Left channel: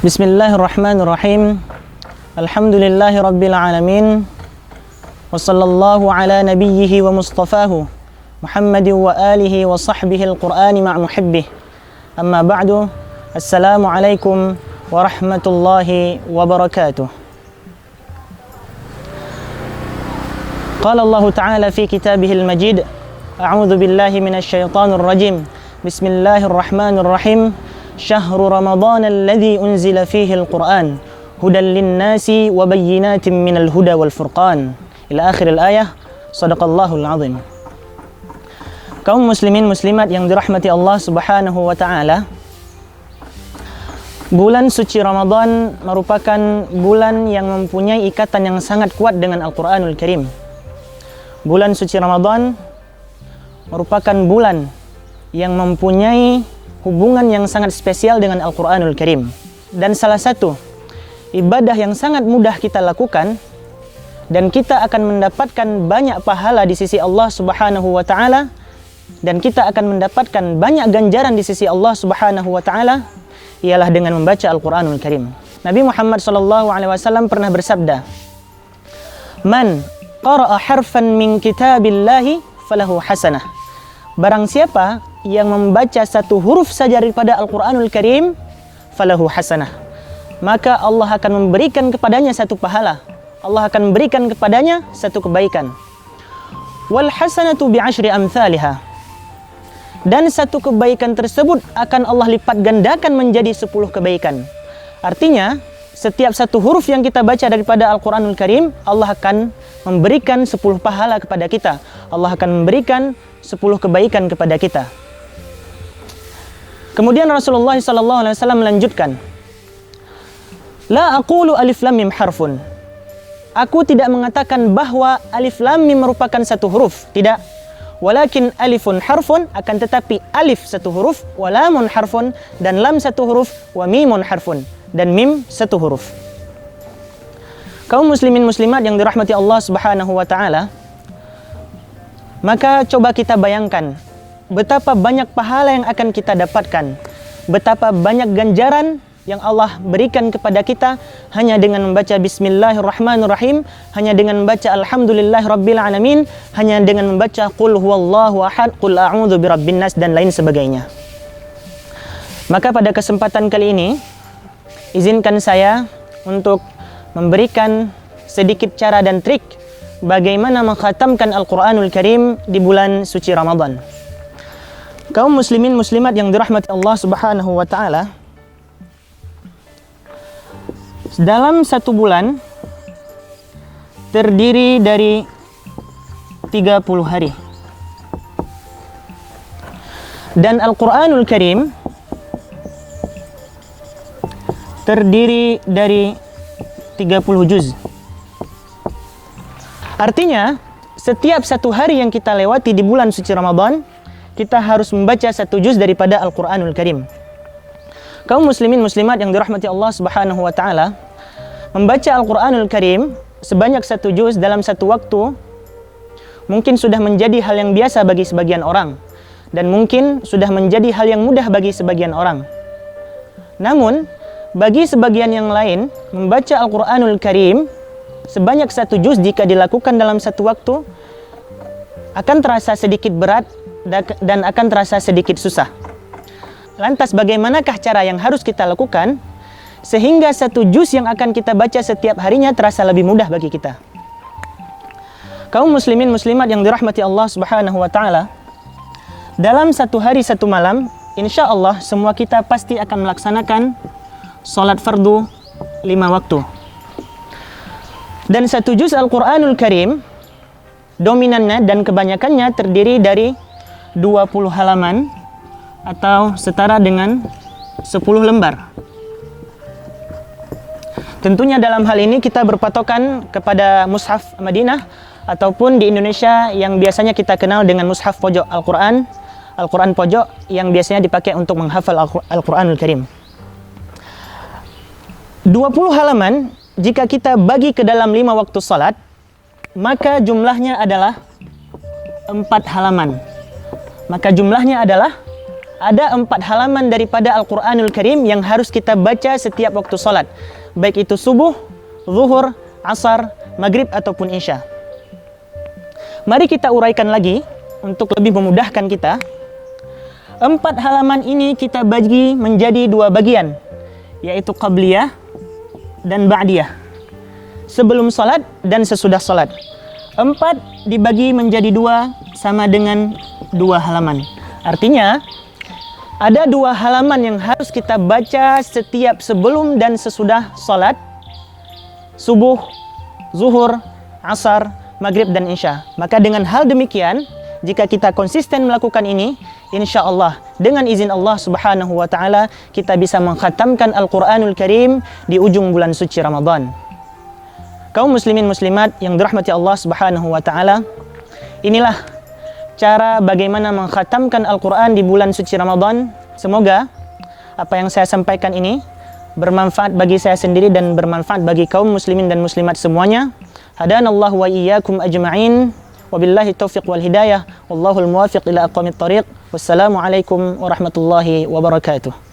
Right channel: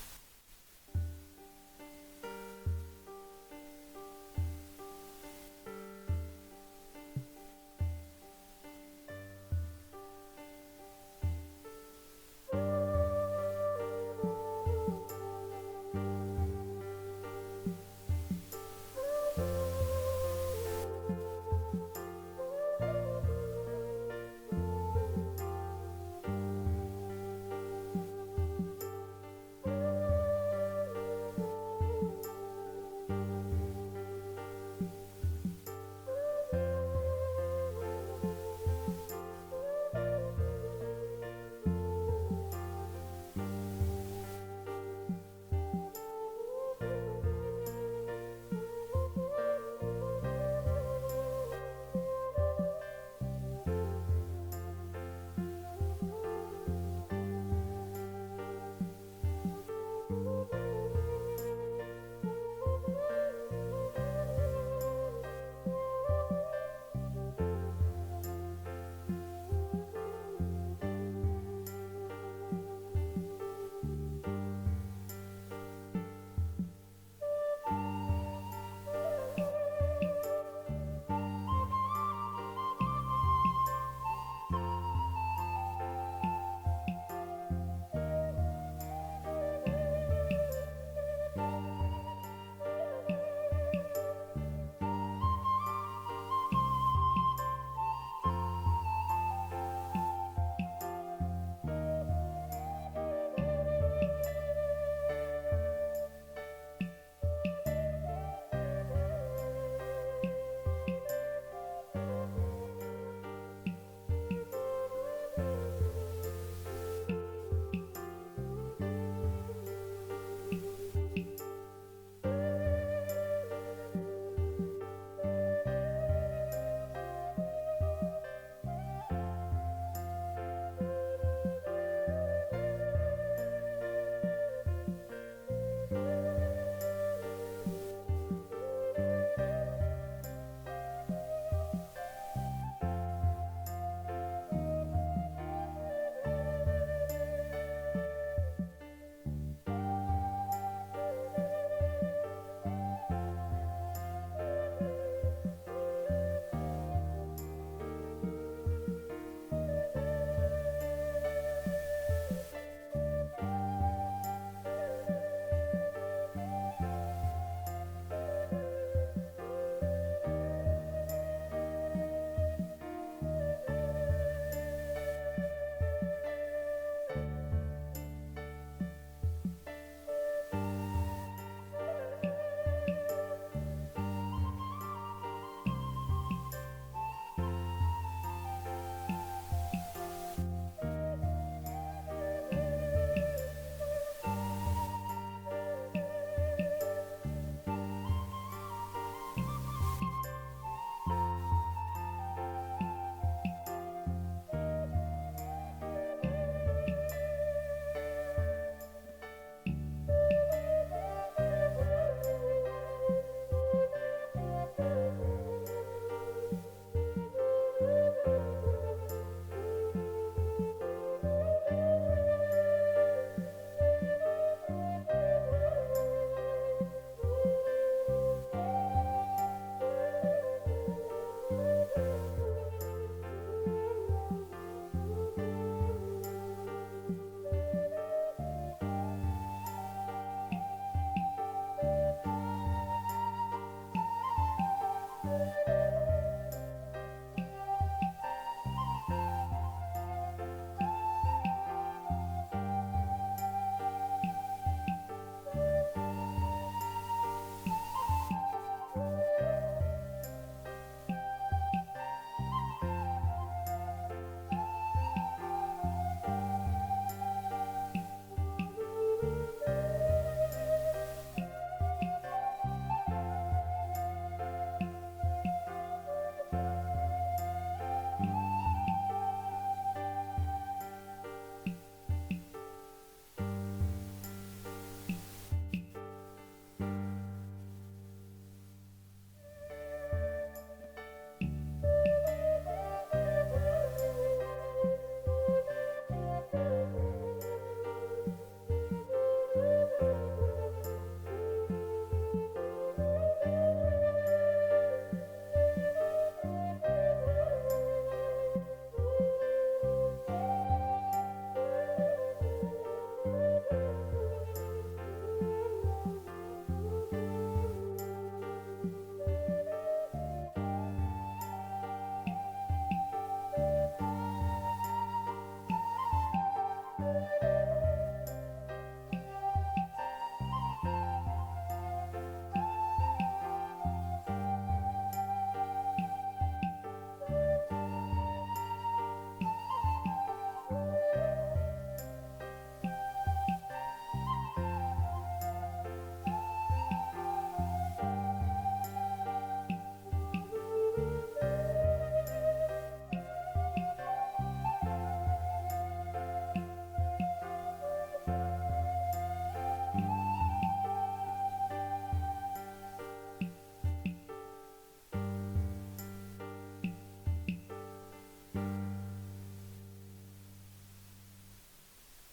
Bismillahirrahmanirrahim. Alhamdulillahi rabbil alamin. Wa sallallahu ala nabiyyihi wa mustafahu Muhammadin wa alihi wa sahbihi al-Qur'ani ma'a muhibbih. Amma ba'du. Assalamu alaikum warahmatullahi wabarakatuh. Qala Allah Ta'ala fi kitabihil majid. A'udzu billahi minasy syaithanir rajim. Bismillahirrahmanirrahim. Syahru Ramadan alladzi unzila fihi al-Qur'an hudan lin-nasi wa bayyinatin minal huda wal furqan. Ila akhir al-ayah. Shadaqallahul azim. Kaum muslimin muslimat yang dirahmati Allah Subhanahu wa taala, bulan suci Ramadan merupakan bulan yang mempunyai ikatan yang sangat kuat dengan Al-Qur'anul Karim. Bulan suci Ramadan merupakan bulan yang mempunyai hubungan yang sangat spesial dengan Al-Qur'anul Karim. Dan salah satu ibadah yang sangat mudah kita lakukan dan kita akan mendapatkan banyak pahala di sisi Allah Subhanahu wa taala, dan kita akan mendapatkan banyak ganjaran di sisi Allah Subhanahu wa taala, ialah dengan membaca Al-Qur'anul Karim. Nabi Muhammad SAW pernah bersabda, "Man qara'a harfan min kitabillahi falahu hasanah." Barang siapa yang membaca satu huruf saja daripada Al-Qur'anul Karim, falahu hasanah, maka Allah akan memberikan kepadanya satu pahala. Allah akan memberikan kepadanya satu kebaikan. Wal hasanatu bi'ashri amthaliha. Dan satu kebaikan tersebut akan Allah lipat gandakan menjadi 10 kebaikan. Artinya, setiap satu huruf yang kita baca daripada Al-Qur'anul Karim, Allah akan memberikan 10 pahala kepada kita. Allah akan memberikan 10 kebaikan kepada kita. Kemudian Rasulullah SAW melanjutkan, "La aqulu alif lam mim harfun." Aku tidak mengatakan bahwa alif lam mim merupakan satu huruf, tidak. Walakin alifun harfun, akan tetapi alif satu huruf, wa lamun harfun, dan lam satu huruf, wa mimun harfun, dan mim satu huruf. Kaum muslimin muslimat yang dirahmati Allah Subhanahu wa taala, maka coba kita bayangkan betapa banyak pahala yang akan kita dapatkan, betapa banyak ganjaran yang Allah berikan kepada kita hanya dengan membaca Bismillahirrahmanirrahim, hanya dengan membaca Alhamdulillahirabbil alamin, hanya dengan membaca Qul huwallahu ahad, Qul a'udzu birabbin nas, dan lain sebagainya. Maka pada kesempatan kali ini, izinkan saya untuk memberikan sedikit cara dan trik bagaimana mengkhatamkan Al-Qur'anul Karim di bulan suci Ramadan. Kaum muslimin muslimat yang dirahmati Allah Subhanahu wa taala, dalam satu bulan terdiri dari 30 hari. Dan Al-Qur'anul Karim terdiri dari 30 juz. Artinya, setiap satu hari yang kita lewati di bulan suci Ramadan, kita harus membaca satu juz daripada Al-Qur'anul Karim. Kaum muslimin muslimat yang dirahmati Allah Subhanahu wa taala, membaca Al-Qur'anul Karim sebanyak satu juz dalam satu waktu mungkin sudah menjadi hal yang biasa bagi sebagian orang, dan mungkin sudah menjadi hal yang mudah bagi sebagian orang. Namun, bagi sebagian yang lain, membaca Al-Qur'anul Karim sebanyak satu juz jika dilakukan dalam satu waktu akan terasa sedikit berat dan akan terasa sedikit susah. Lantas bagaimanakah cara yang harus kita lakukan sehingga satu juz yang akan kita baca setiap harinya terasa lebih mudah bagi kita? Kaum muslimin muslimat yang dirahmati Allah Subhanahu wa taala, dalam satu hari satu malam, insya Allah semua kita pasti akan melaksanakan salat fardu 5 waktu. Dan satu juz Al-Qur'anul Karim dominannya dan kebanyakannya terdiri dari 20 halaman atau setara dengan 10 lembar. Tentunya dalam hal ini kita berpatokan kepada mushaf Madinah ataupun di Indonesia yang biasanya kita kenal dengan mushaf pojok Al-Quran, Al-Quran pojok yang biasanya dipakai untuk menghafal Al-Quranul Karim. 20 halaman jika kita bagi ke dalam 5 waktu salat, maka jumlahnya adalah 4 halaman. Maka jumlahnya adalah ada 4 halaman daripada Al-Quranul Karim yang harus kita baca setiap waktu salat, baik itu subuh, zuhur, asar, maghrib ataupun isya. Mari kita uraikan lagi untuk lebih memudahkan kita. 4 halaman ini kita bagi menjadi 2 bagian, yaitu qabliyah dan ba'diyah, sebelum salat dan sesudah salat. 4 dibagi menjadi 2 sama dengan 2 halaman. Artinya ada 2 halaman yang harus kita baca setiap sebelum dan sesudah salat subuh, zuhur, asar, maghrib dan isya. Maka dengan hal demikian, jika kita konsisten melakukan ini, insya Allah dengan izin Allah Subhanahu wa taala kita bisa mengkhatamkan Al-Qur'anul Karim di ujung bulan suci Ramadan. Kaum muslimin muslimat yang dirahmati Allah Subhanahu wa taala, inilah cara bagaimana mengkhatamkan Al-Quran di bulan suci Ramadan. Semoga apa yang saya sampaikan ini bermanfaat bagi saya sendiri dan bermanfaat bagi kaum muslimin dan muslimat semuanya. Hadanallahu wa iyyakum ajma'in. Wabillahi taufiq wal hidayah. Wallahul muwafiq ila aqwamit thariq. Wassalamualaikum warahmatullahi wabarakatuh.